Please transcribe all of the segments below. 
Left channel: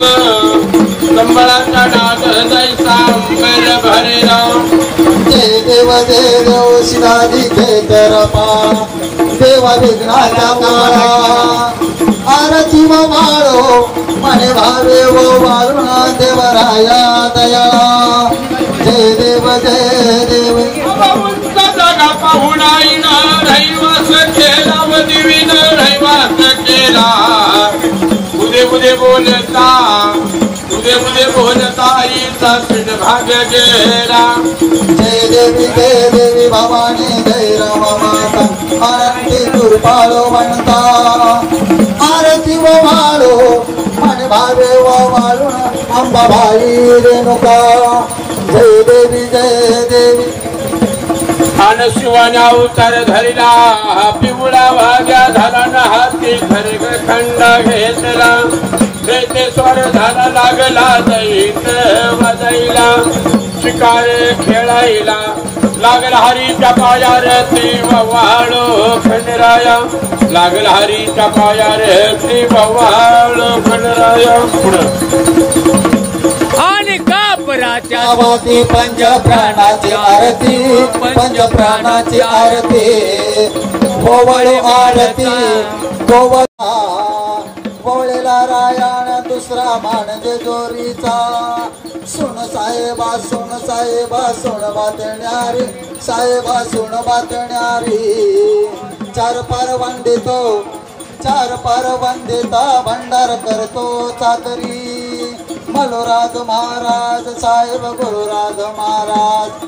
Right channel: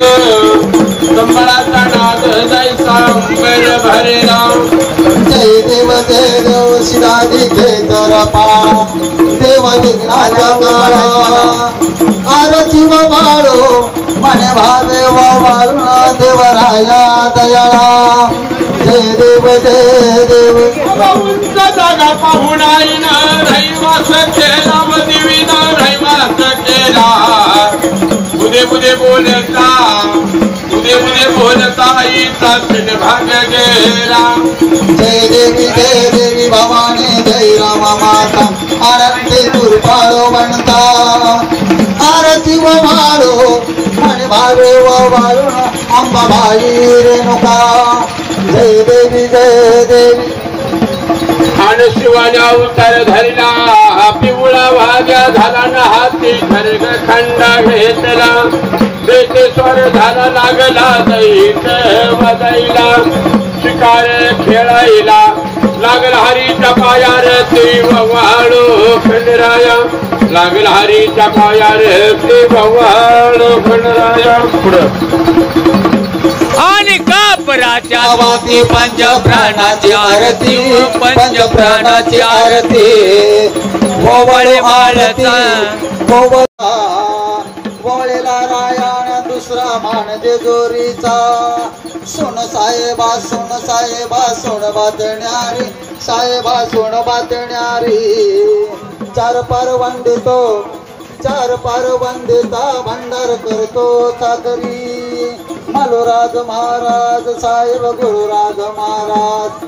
कंबळाचा नाद जायचा अंबर भरला जय देव देव शिरादी घेतर पा देव विघ्नाला आरती व माळो मने भावे व वारुण देवराया दयाळा जय देव उंच जागा पाहून आईन रहिवास केला व देवीन रहिवास केला उदे उदे बोलता आईचा पिन भाग गेला जय देवी भवानी जय रामा माता आरती दुर्पाळो म्हणता आरती व माळो आणि भावे व वाळून अंबा भाई रेणुका जय देवी आणि शिवाने अवतार धरला पिवळा भाग्या झाला ना हाती खरग खंड घेतला स्वर झाला लागला दैत वदैला शिकाळे खेळायला लागला हरीच्या पायार ती वाळू खंडराया लागला हरीच्या पायार ती वाळू खंडराया पुढं आणि कापराच्या भोवती पंच प्राणाची आरती पंच प्राणाची आरती ओवळे माळचा ओवळेला रायण दुसरा मान जेजोरीचा सोन साहेबा सोन बातण्यारी साहेबा सोन बातण्यारी चार पार वंदिता भंडार करतो चाकरी मलुराज महाराज साहेब गुरुराज महाराज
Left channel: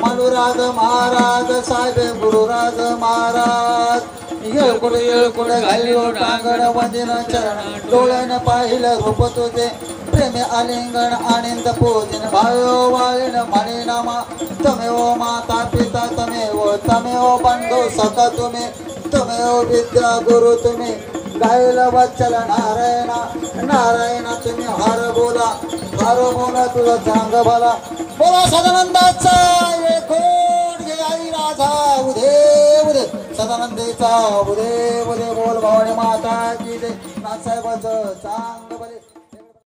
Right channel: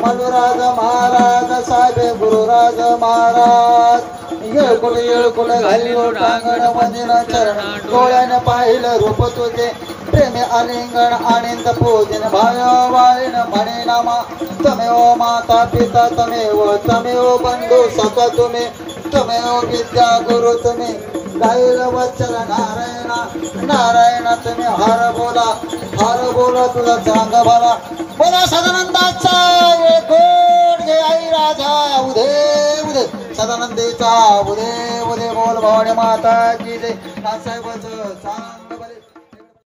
मलुराज महाराज साहेब गुरुराज महाराज येळकुड घालील रांगण मंदिर चरणा डोळ्याने पाहिलं रूप तुझे प्रेमी आलिंगण आनंद पूजन भाव्यो वाळीन म्हणे नामा तमेव माता पिता तमेव बंधू सख तुम्ही तमेव विद्या गुरु तुम्ही गायल वत्सल नारायण तुम्ही हार बोला तुला चांग भला बोला सदानंदाचा आई राधा उदे सदानंदेचा उदे बोल भवानी माता की जय